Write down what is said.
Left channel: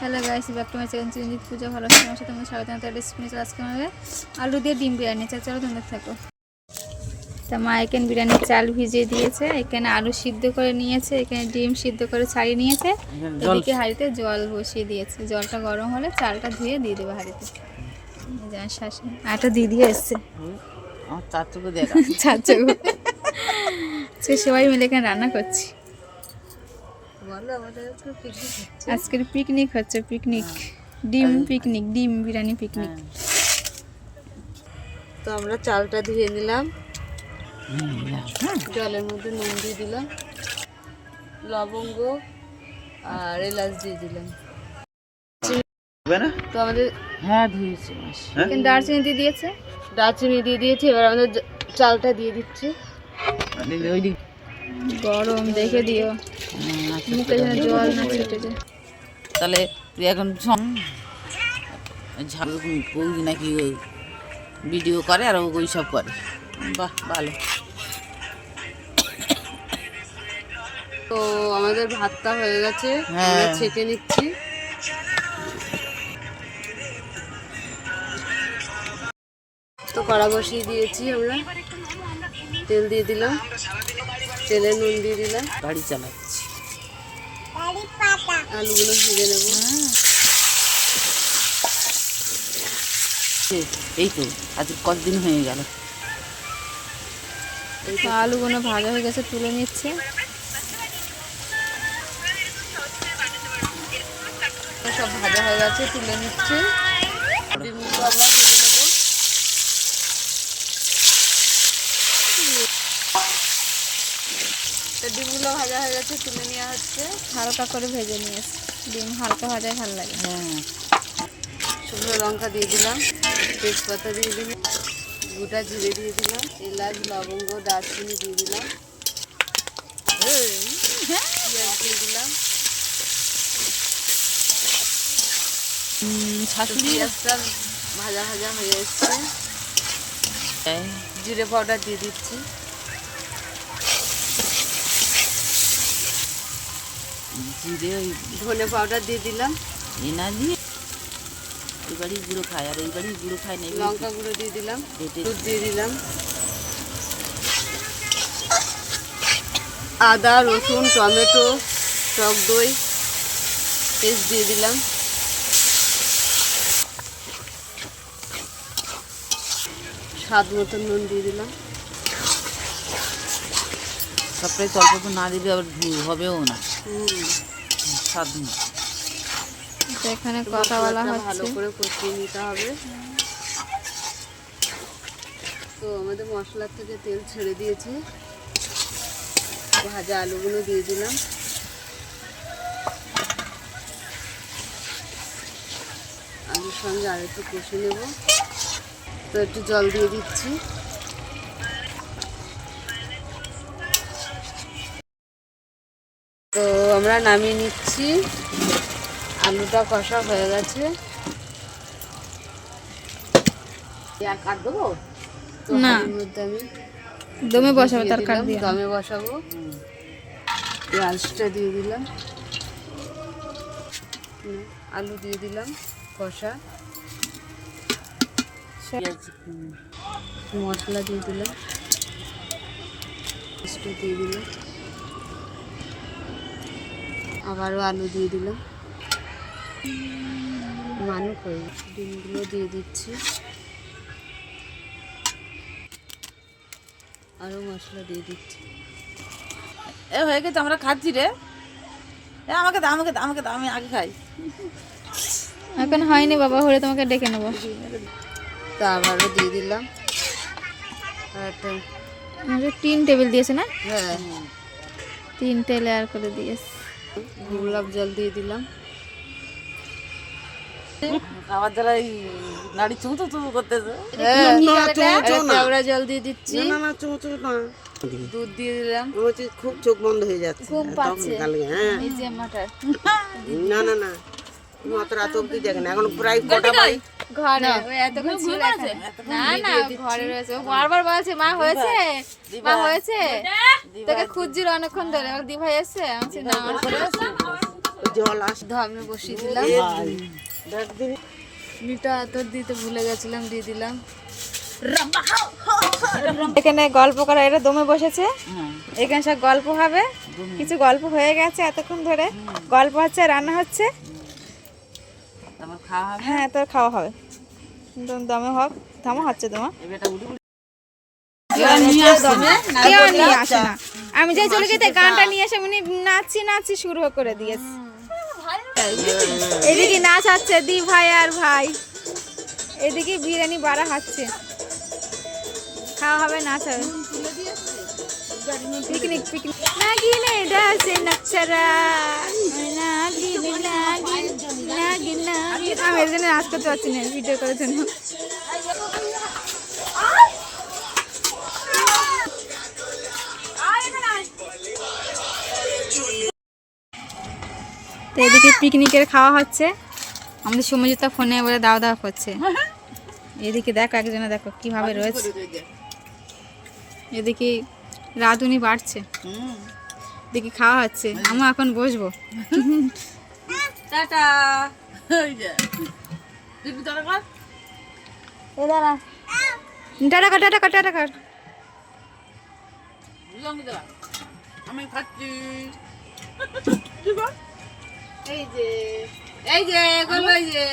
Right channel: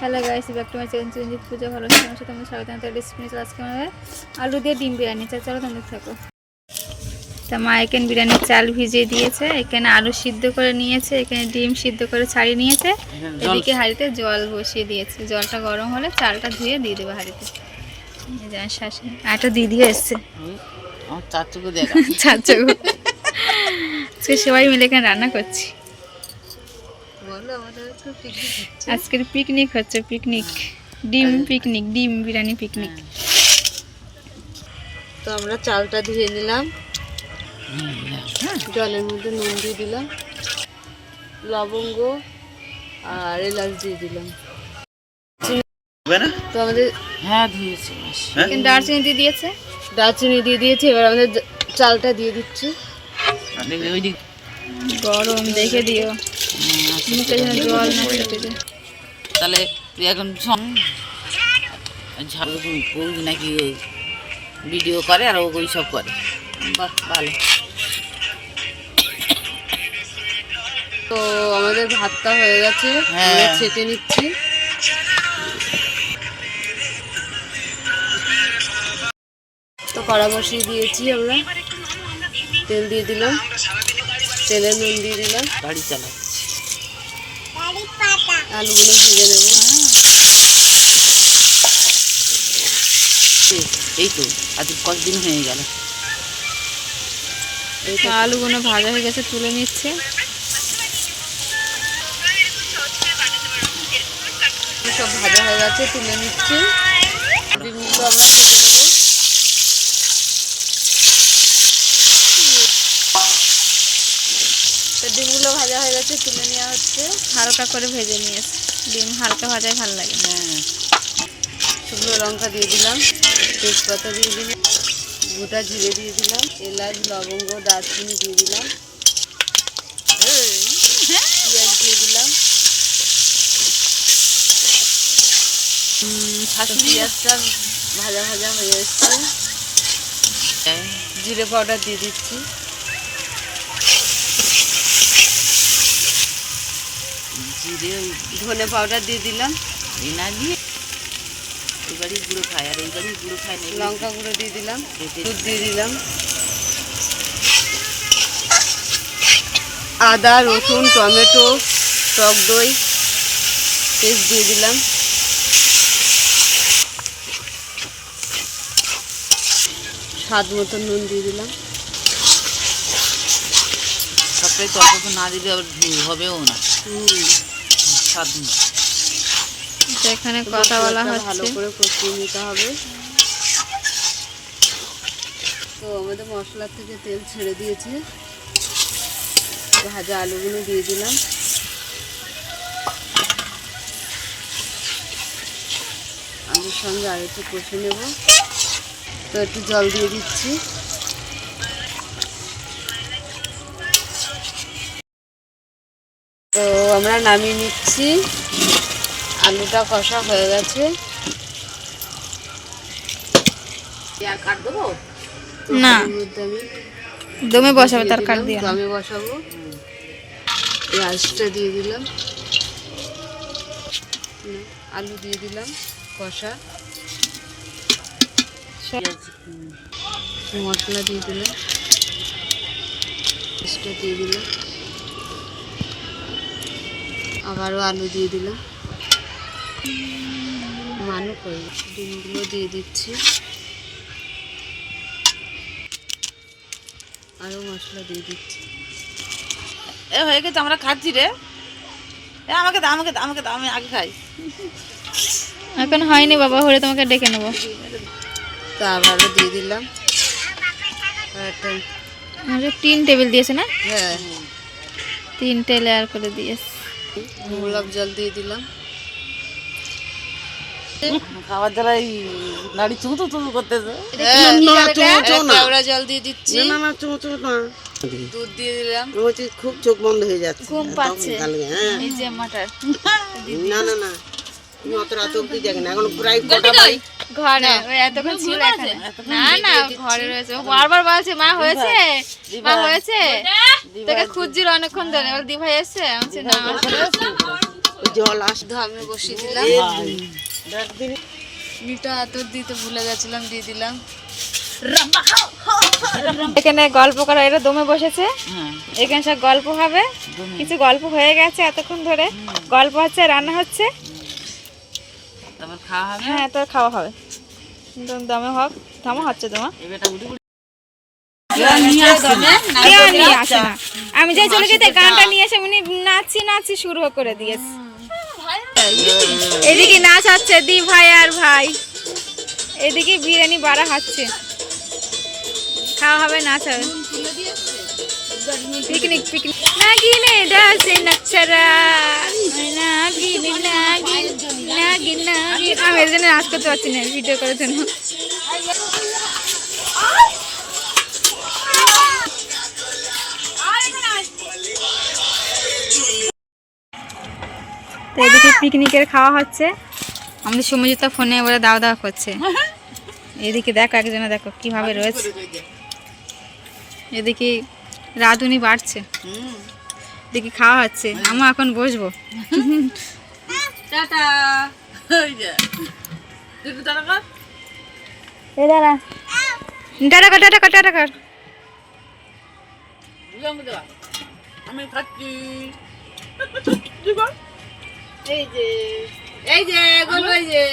Hello guys back to my channel চিন্তিত পূজা ভালো আছে আমার সাথে আমি স্বাগত জানাতে রেসিপি আজকে আমাদের আলু দিয়ে ডিম বিরিয়ানি চা চলো তোমরা থাকো। তা মা এখানে বিরিয়ানির চাল ভিজিয়ে দিয়েছে এখানে আলু সিদ্ধ করে নিয়েছে এখানে ডিম সিদ্ধ করে ছাড়িয়ে নিয়েছে। এদিকে হাঁড়িতে জল বসিয়ে দিয়েছে। জলটা গরম হলে চালটা ধুয়ে দিয়ে দেবে হাঁড়িতে। আটা দিয়ে দিয়ে এসছে চাচুকে। আজকে সবাই মিলে এখানে রান্না করছি। আজকের পিকনিক হচ্ছে পিকনিক ডিম পিকনিক ডিম বিরিয়ানি পিকনিক তো আমরা চালটা ধুয়ে নিলাম। জলের মধ্যে নুন দিয়ে দিলাম। লবঙ্গ আর এলাচ দিয়ে দিলাম। তো আমাদের হ্যাঁ ধুয়েছি দারচিনি দিয়ে দিয়েছে? দারচিনি দিয়ে দিয়েছি এবার আমাদের চালটা দিয়ে দিচ্ছি। গরম দেখে দিও। মুখে যেন জল না খেতে তাহলে তুই এখন ঝাড়ু বৌদি নাকি ওই ভিডিও করে আর ওই সব করে। বাহ ভালো। তো আমাদের ভাতটা হয়ে গেছে হ্যাঁ। আমরা ছেঁকে নিচ্ছি। তো কড়া বসিয়ে দিয়েছি আমরা। তেল দিয়ে দিলাম। তেলে নুন দিয়ে দিলাম। গাড়ি চালাচ্ছি আলুগুলো ভেজে নেব। এই- এই তো এত কতদিন হয়ে গেল? তো আলুগুলো ভাজা হয়ে গেছে তুলে নিচ্ছে। সব ভাজা হয়ে গেছে তুলে নিচ্ছি ডিমগুলো আমরা ভেজে নেব তো ডিমগুলো ভাজা হয়ে গেছে তুলে নেওয়া হচ্ছে। হালকা করে ভেজে নিয়েছে। ডিম হালকা ভাজায় ভালো লাগে হ্যাঁ। শুকনো লঙ্কা দিয়ে দিলাম তেজপাতা দিয়ে দিলাম গোটা জিরে দিয়ে দিলাম এলাচ লবঙ্গ দারচিনি দিয়ে দিলাম। পেঁয়াজ দিয়ে দিলাম। পেঁয়াজটা ভাজা ভাজা হয়ে এসছে। হ্যাঁ। জিরে পাউডার দিয়ে দিচ্ছি। জিরে ধনে পাউডার দিয়ে দিলাম। এই না দিয়ে এই গাড়ি গুঁড়ো খায় আর এই গাড়ি গুঁড়ো খায় না লঙ্কা গুঁড়ো দিয়ে দিলাম দুধ দিয়ে দিলাম। আদা রসুন টমেটো টক দই পেস্ট দিয়ে দিলাম। স্বাদ মতন নুন দিয়ে দিলাম। সবটাই তল্প না দিলে আবার ভি- হবেও না। এখানে কথা বলা ভালো হচ্ছে। করে কষিয়ে নিতে হবে। তো আমাদের মশলার থেকে তেল ছেড়ে দিয়েছে। ভাজা আলুগুলো দিয়ে দিলাম। আলুর সঙ্গে আর একটু কষে নেব। তো একটু জল দিয়ে দিচ্ছি। তো আমরা নামিয়ে নিচ্ছি। আলুটা কষা হয়ে গেছে। কাট দেবো? না। আমি দমে বসাবে তার কাট দিয়ে। দমে বসাবো। পেঁয়াজটা দিয়ে দিলাম। আলু দিয়ে দিলাম কষা। মশলা দিয়ে দিলাম। দিয়ে দিলাম। আবারও আলু দিয়ে দিলাম। মানু করে ডিমগুলো দিয়ে দিচ্ছি। আরও মশলা দিয়ে দিচ্ছি। এ হয়ে গেছে আমরা খাচ্ছি রে। এ আমাকে দে আমাকে আমাকে আমি আগে খাই। এখন হয়নি বাবা হলে তোমাকে ডেকে নেব। তা আবারও দিয়ে দিলাম। আর তিন টেবিল দিয়েছে না? হ্যাঁ। তিনটে লেয়ার করে দিয়েছে। গোলাপ জল দিয়ে দিলাম। খাবার দ্বারা এই নাড়ি চুঁতো চুঁতো করতেছে। কেওড়া জল দিয়ে দিচ্ছি। দুধ দিয়ে দিলাম। খুব চোখ বন্ধ হয়ে যাচ্ছে। ঘুম পাচ্ছে। হ্যাঁ। এই যে মাটার। না না না। অত রাত অব্দি দেখে না। এখন প্রায় কটা বাজে? ঘরে? এতক্ষণ ছিল এখানে। না না ঘরে রয়েছে। বারবার বলছে মা হয়েছে? মা হয়েছে? তোকে খুঁজছিল অনেকক্ষণ ধরে। এবার দি ভাই এসছে। আমি না জল আস ধামে বসিয়ে দিলাম। ডাক আতর দিতে ভুলে গেছিলাম দিয়ে দিলাম। এখানে গল্প করা এটা দমে বসেছে। হ্যাঁ। এখানে সব গল্প হবে। কিছু গল্প হয়ে গেছে এতক্ষণ ধরে। গল্প হচ্ছে রান্না হচ্ছে। হ্যাঁ তোর খাওয়া হবে। দম- দমে হোক থামা হচ্ছে তোমার। নিয়ে আসে না। আমি যাই চলে যেতে গানটা নিয়ে এসে উনি নাচি নাচি শুরু করে দিয়েছে। এদিকে নাচ হচ্ছে দি ভাই আর ভাই। এদিকে বিরিয়ানি বাড়া খাচ্ছে খাওয়া হবে নাচ হবে। Picnic picnic. নাগিনে ডাসে নাগিনে নাগিন নাগিন নাগিন আমি এর জন্য নাচ করতে পারছি না ভিডিও করার জন্য। তো এদিকে পিকনিকের খাওয়া হচ্ছে। আমাদের সমজিতা ফোনে বলে দাওয়া দাওয়া করছে। এদিকে দেখো একজনে দেখো কীভাবে রয়েছে। এদিকে রাঁধুনি বাড়ছে। এদিকে খাওয়া হচ্ছে। আমরা এখন বসবো। টাটা। টাটা কর। টাটা কর টাটা কর আমি খাচ্ছি। এই যে এই যে গোল এই যে।